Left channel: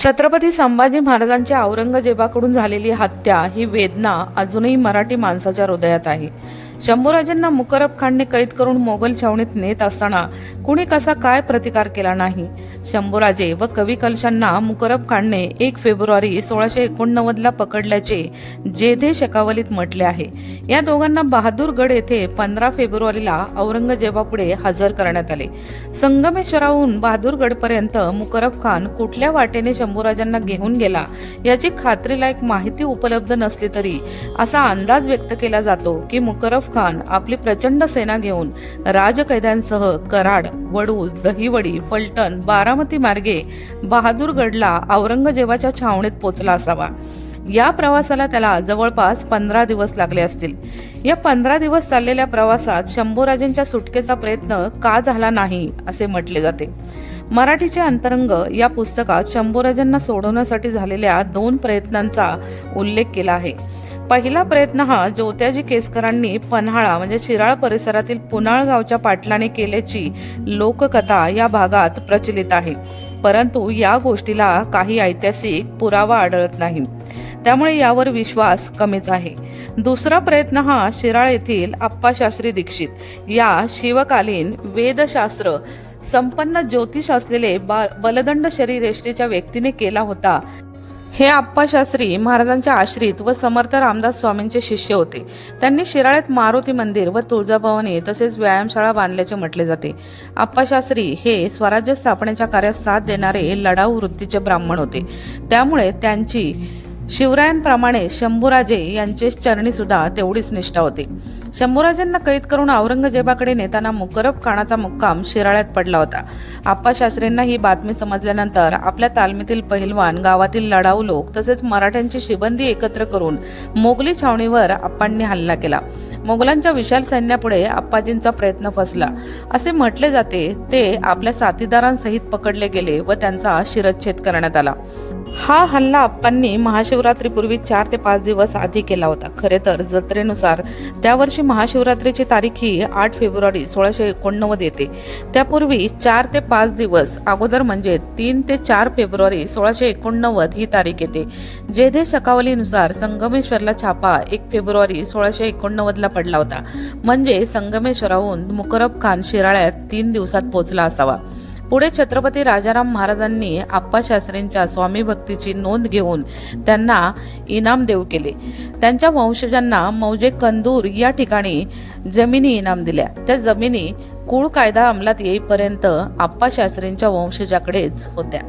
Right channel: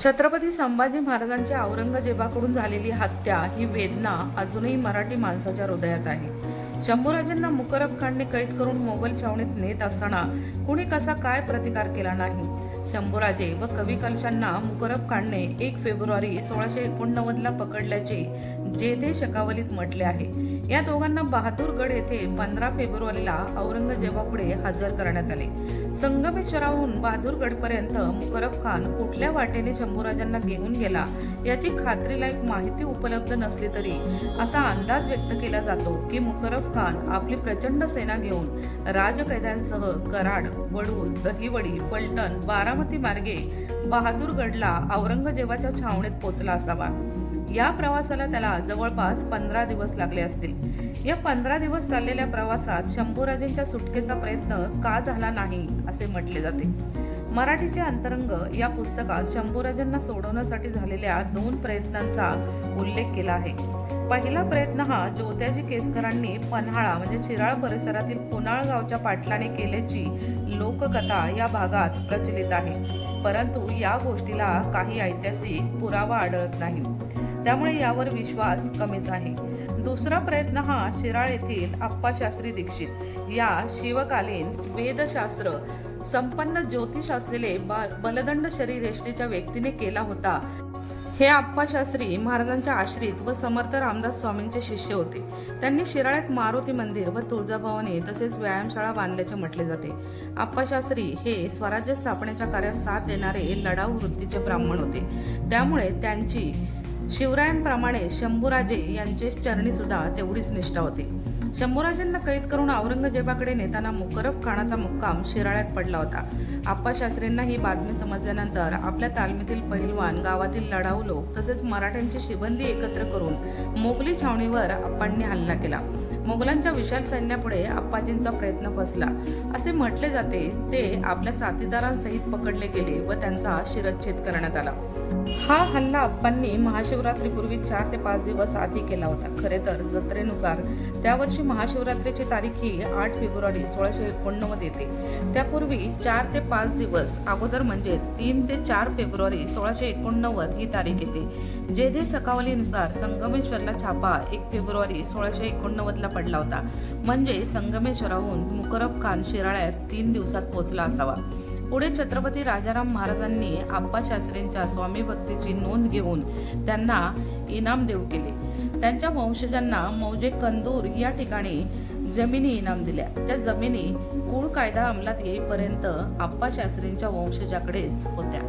छत्रपती संभाजी महाराजांच्या औरंगजेबाकडून झालेली हत्या ही वेदना अजूनही मराठी माणसाच्या हृदयात आहे. शंभूराजांना मुकरब खानने कैद करून मोगल छावणीत नेत असताना कुणी कसा काय प्रतिकार केला नाही? शंभूराजे व कवी कलशांना मुकरब खानने एक फेब्रुवारी सोळाशे एकोणनव्वदला पकडल्याचे जेधे शकावलीत म्हटले आहे. या दोघांना बहादूरगड येथे पंधरा फेब्रुवारीला औरंगजेबापुढे हजर करण्यात आले. संगमेश्वराहून बहादूरगडपर्यंत मुकरब खान कुठल्या वाटेने शंभूराजांना घेऊन गेला याची खात्रीलायक माहिती उपलब्ध नसली तरी असा अंदाज व्यक्त केला जातो की मुकरब खान आपली प्रचंड सेना घेऊन राजकैद्यांसह कराड वडूज दहिवडी फलटण बारामती मार्गे बहादूरगडला औरंगजेबाच्या छावणीत पोचला असावा. या प्रवासाला त्याला जवळपास पंधरा दिवस लागले असतील. या पंधरा दिवस चाललेल्या प्रवासात शंभूराजेंच्या सुटकेचा प्रयत्न का झाला नाही असे म्हटले जाते. मराठीचे अंतरंग या पुस्तकात शंभूराजांना सोडवण्यासाठी झालेल्या दोन प्रयत्नांचा उल्लेख केला आहे. पहिला प्रयत्न हा ज्योत्याजी केसकरांनी पन्हाळा म्हणजे शिराळ परिसरातील पुनाळ गावच्या पाटलाने केल्याची लोककथा या भागात प्रचलित आहे. परंतु या गोष्टीला काही ऐतिहासिक पुरावा आढळत नाही. त्यामुळे यावर विश्वास कमीच आहे. दुसरा प्रयत्न हा शिराळ येथील अप्पाशास्त्री दीक्षित या शिवकालीन वेदशास्त्र संपन्न ज्योतिष असलेले बा- बलदंड शरीरेष्टीच्या व्यक्तीने केला होता. हे आप्पाशास्त्री महाराजांच्या आश्रित व समर्थ रामदास स्वामींचे शिष्य होते. त्यांनी शिराळ्यात मारुती मंदिर व तुळजाभवानी तसेच व्यायामशाळा बांधल्याचे म्हटले जाते. आप्पाशास्त्री हे स्वराज्य स्थापनेच्या कार्यात साथ देणारे लढाऊ वृत्तीचे ब्राह्मण होते. त्यामुळे त्यांची शिवरायांप्रमाणे शंभूराजे यांचे चरणी सुद्धा तेवढीच निष्ठा होती. शंभूराजांना कैद करून औरंगजेबाकडे नेताना मुकरब खानाचा मुक्काम शिराळ्यात पडला होता. आप्पा शास्त्रींना ही बातमी समजल्यानंतर आपल्या तालमीतील पहिलवान गावातील लढाऊ लोक तसेच मराठ्यांची शिबंदी एकत्र करून मोगली छावणीवर आप्पांनी हल्ला केला. मोगलांच्या विशाल सैन्यापुढे आप्पाजींचा प्रयत्न फसला. असे म्हटले जाते ते आपल्या साथीदारांसहित पकडले गेले व त्यांचा शिरच्छेद करण्यात आला. हा हल्ला आप्पांनी महाशिवरात्रीपूर्वी चार ते पाच दिवस आधी केला होता. खरे तर जत्रेनुसार त्यावर्षी महाशिवरात्रीची तारीख ही आठ फेब्रुवारी सोळाशे एकोणनव्वद येते. त्यापूर्वी चार ते पाच दिवस अगोदर म्हणजे तीन ते चार फेब्रुवारी सोळाशे एकोणनव्वद ही तारीख येते. जेधे शकावलीनुसार संगमेश्वरला छापा एक फेब्रुवारी सोळाशे एकोणनव्वदला पडला होता. म्हणजे संगमेश्वराहून मुकरब खान शिराळ्यात तीन दिवसात पोहोचला असावा. पुढे छत्रपती राजाराम महाराजांनी आप्पा शास्त्रींच्या स्वामी भक्तीची नोंद घेऊन त्यांना इनाम देऊ केले. त्यांच्या वंशजांना मौजे कंदूर या ठिकाणी जमिनी इनाम दिल्या. त्या जमिनी कुळ कायदा अंमलात येईपर्यंत आप्पा शास्त्रींच्या वंशजाकडेच होत्या.